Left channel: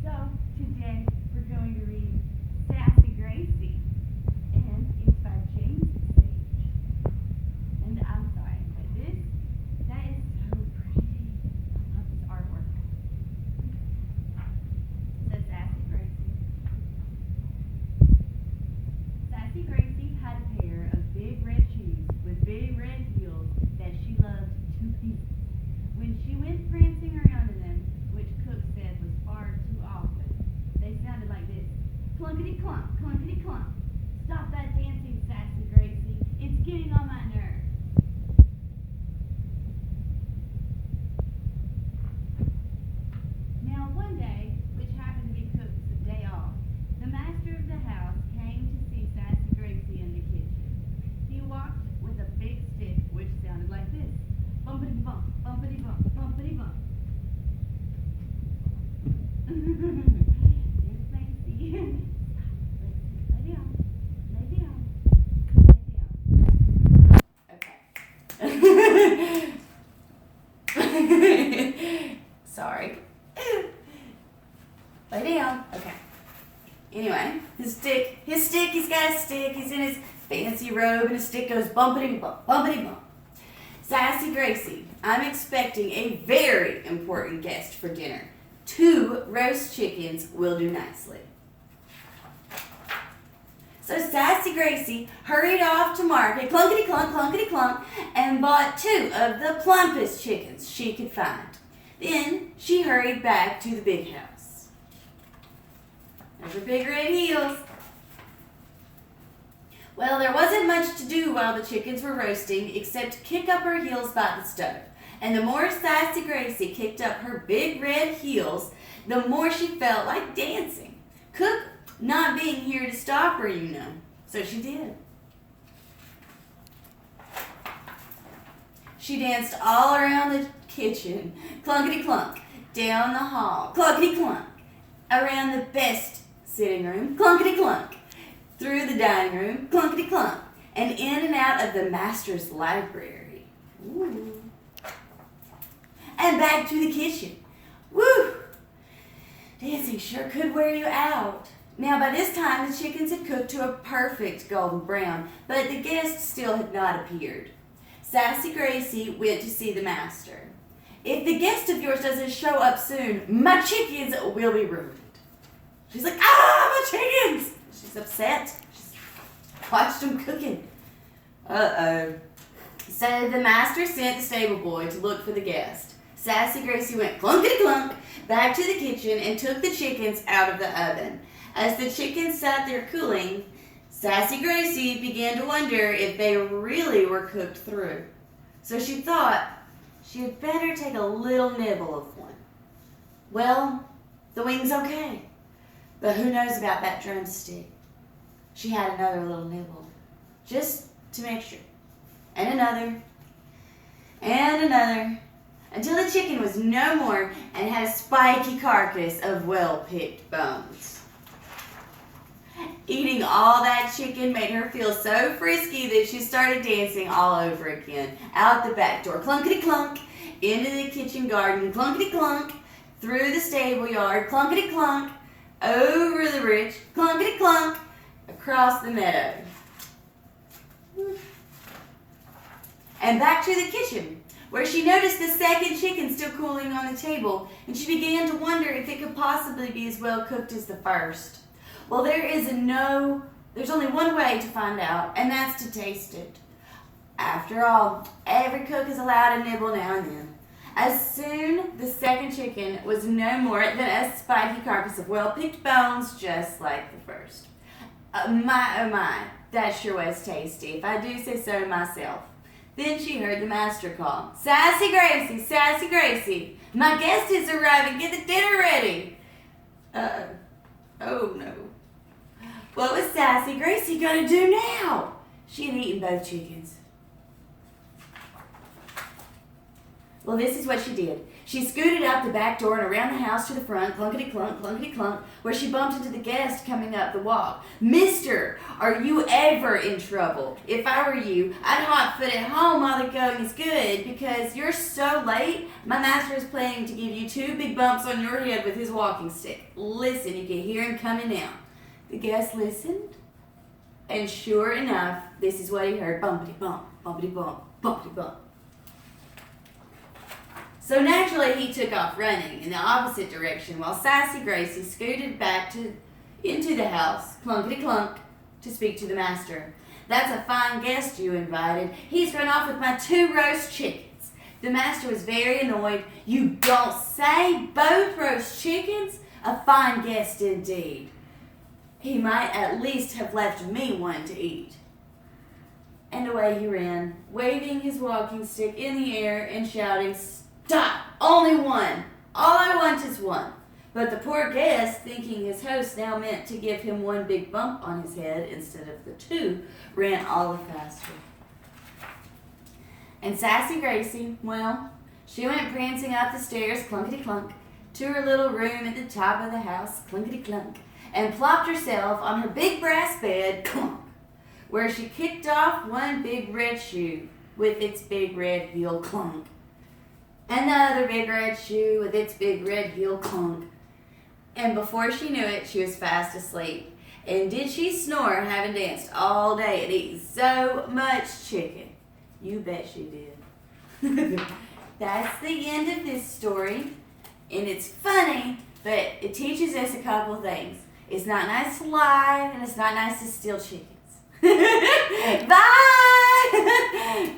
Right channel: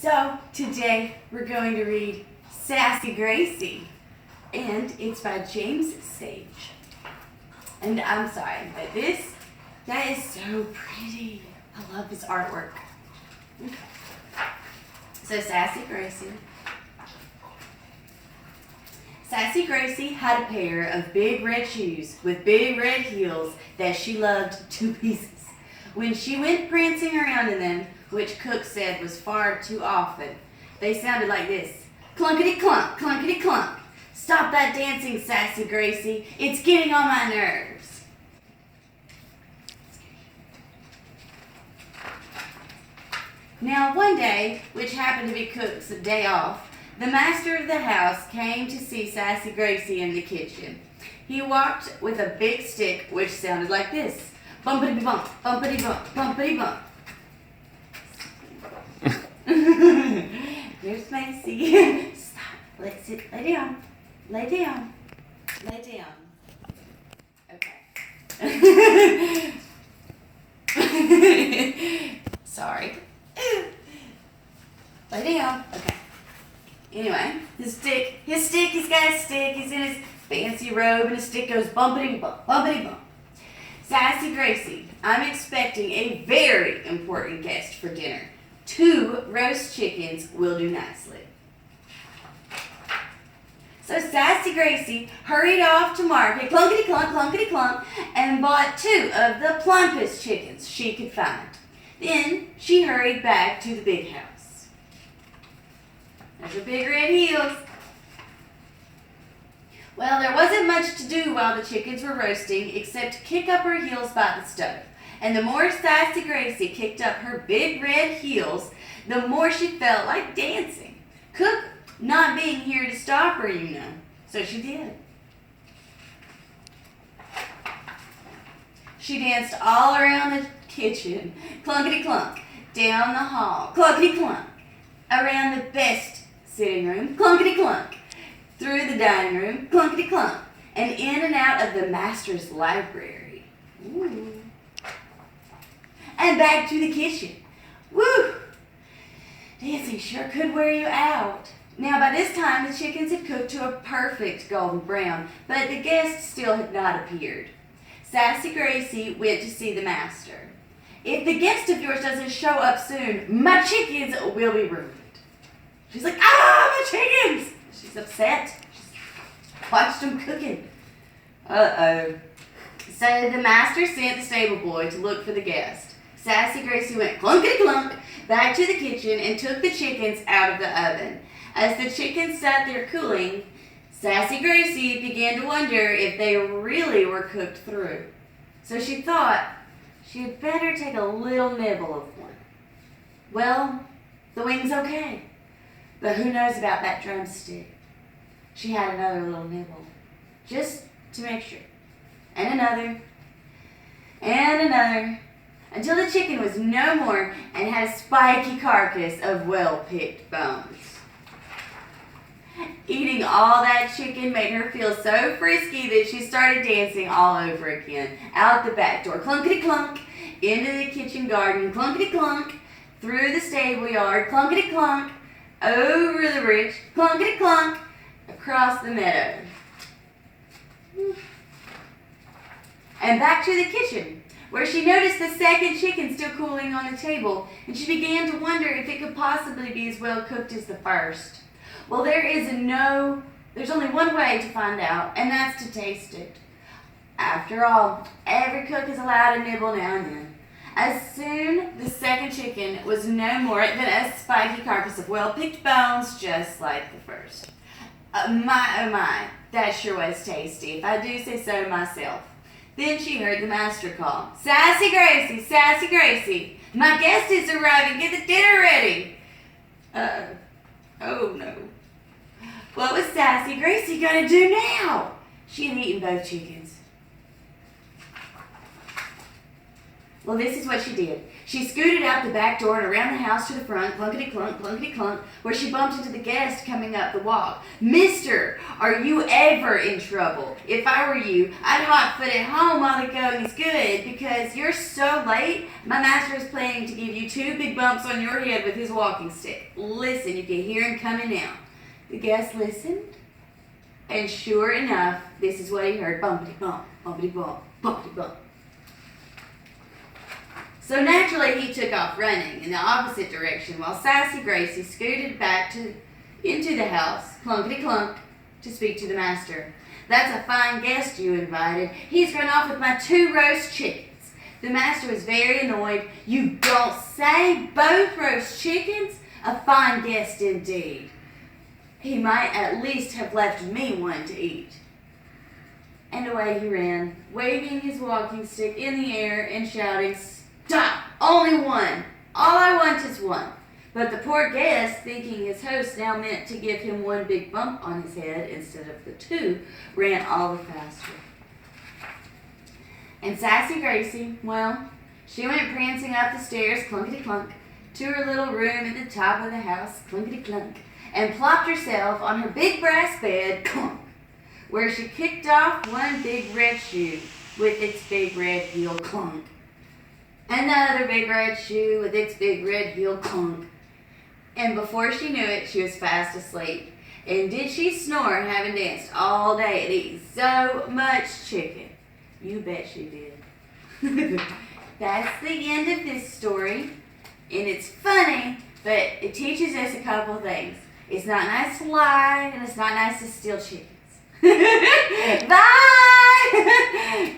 So today we're going to read Sassy Gracie, and it's by James Sage. And I'm sorry, but that is so pretty. I love his artwork. So Sassy Gracie. Sassy Gracie had a pair of big red shoes with big red heels that she loved to pieces. When she went prancing around in them, which Cook said was far too often, they sounded like this. Clunkety-clunk, clunkety-clunk. Stop that dancing, Sassy Gracie. It's getting on my nerves. Now one day, which happened to be Cook's day off, the master of the house came to see Sassy Gracie in the kitchen. He walked with a big stick which sounded like this. Bumpity-bump, bumpity-bump, bumpity-bump. There's Macy. Stop. Let's sit. Lay down. Lay down. Lay down. Okay. Sorry. Lay down. Okay. Anyway, his stick, he's got a stick. He's in his fancy robe, and his stick goes bumpity-bump, bumpity-bump. Sassy Gracie, I'm expecting a very important guest for dinner. 2 roast chickens will do nicely. So Sassy Gracie hurried off to market, clunkety-clunk, clunkety-clunk, and bought 2 of the plumpest chickens she could find. Then she hurried back to the big house. There's her big red heels. Well, there wasn't much to do while the chickens were roasting except kick up her heels by the stove. And the more Sassy Gracie kicked up her big red heels, the more she felt like dancing. Cook not being here to stop her, you know. So she did. She danced all around the kitchen, clunkety-clunk, down the hall, clunkety-clunk, around the best sitting room, clunkety-clunk, through the dining room, clunkety-clunk, and in and out of the master's library. Ooh. And back to the kitchen. Woo! Dancing sure could wear you out. Now, by this time, the chickens had cooked to a perfect golden brown, but the guests still had not appeared. Sassy Gracie went to see the master. If the guest of yours doesn't show up soon, my chickens will be ruined. She's like, my chickens! She's upset. She's watched them cooking. Uh-oh. So the master sent the stable boy to look for the guest. Sassy Gracie went clunkety-clunk back to the kitchen and took the chickens out of the oven. As the chickens sat there cooling, Sassy Gracie began to wonder if they really were cooked through. So she thought she had better take a little nibble of one. Well, the wing's okay, but who knows about that drumstick? She had another little nibble, just to make sure. And another, until the chicken was no more and had a spiky carcass of well-picked bones. Eating all that chicken made her feel so frisky that she started dancing all over again. Out the back door, clunkety-clunk, into the kitchen garden, clunkety-clunk, through the stable yard, clunkety-clunk, over the bridge, clunkety-clunk, across the meadow. And back to the kitchen, where she noticed the second chicken still cooling on the table, and she began to wonder if it could possibly be as well cooked as the first. Well, there's only one way to find out, and that's to taste it. After all, every cook is allowed a nibble now and then. As soon the second chicken was no more than a spiky carcass of well-picked bones, just like the first. My, that sure was tasty, if I do say so myself. Then she heard the master call, Sassy Gracie, Sassy Gracie, my guest is arriving, get the dinner ready. Oh no. What was Sassy Gracie gonna do now? She had eaten both chickens. Well, this is what she did. She scooted out the back door and around the house to the front, clunkety clunk, where she bumped into the guest coming up the walk. Mister, are you ever in trouble? If I were you, I'd hot foot at home while the going is good, because you're so late. My master is planning to give you 2 big bumps on your head with his walking stick. Listen if you hear him coming out. The guest listened, and sure enough, this is what he heard. Bumpity bump, bumpity bump, bumpity bump. So naturally, he took off running in the opposite direction while Sassy Gracie scooted back into the house, clunkety clunk, to speak to the master. That's a fine guest you invited. He's run off with my 2 roast chickens. The master was very annoyed. You don't say, both roast chickens? A fine guest indeed. He might at least have left me one to eat. And away he ran, waving his walking stick in the air and shouting, Stop! Only one! All I want is one. But the poor guest, thinking his host now meant to give him 1 big bump on his head instead of the 2, ran all the faster. And Sassy Gracie, well, she went prancing up the stairs, clunkety clunk, to her little room at the top of the house, clunkety clunk, and plopped herself on her big brass bed, clunk, where she kicked off 1 big red shoe with its big red heel, clunk. Another big red shoe with its big red heel, clunk. And before she knew it, she was fast asleep. And did she snore having danced all day and eaten so much chicken? You bet she did. That's the end of this story. And it's funny, but it teaches us a couple things. It's not nice to lie, and it's not nice to steal chickens. Bye!